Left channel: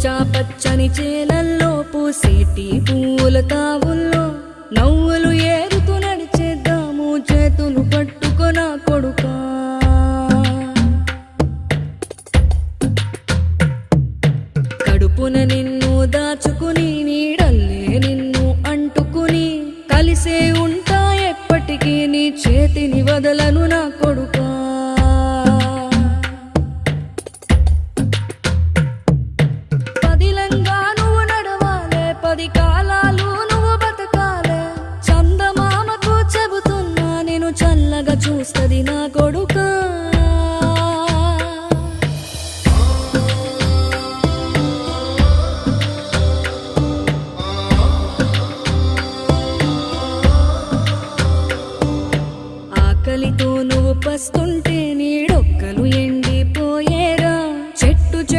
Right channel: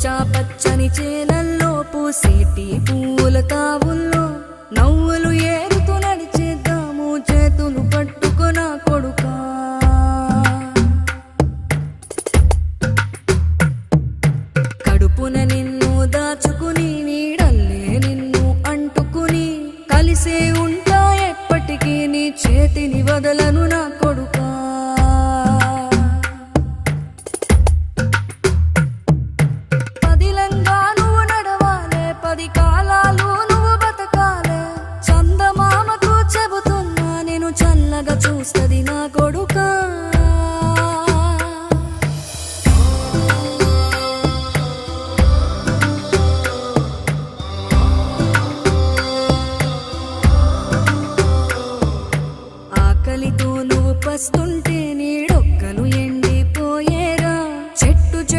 పచ్చా పచ్చని చేలల్లో పూసేటి పూల తావుల్లో నవ్వులు ఏరుతూ నడిచేద్దాము చేతులు పట్టుకొన కొడుకా. కడుపున నిన్ను దాచుకుని నీడల్లే నిన్ను అంటుకుని కలిసే ఉంటా ఎప్పటికీ నీ చేతిని వదలను నా కొడుకా. పదిలంగా నువ్వు నడవాలే, 10 కాలాలు నువ్వు బతకాలే. చందమామకు చెబుతున్నా నేను చల్లగా చూస్తది నా కొడుకా. ఆకలితో నువ్వు పస్తుంటే నీడొక్కలు ఎండిపోయేరా. చెట్టు చెట్టు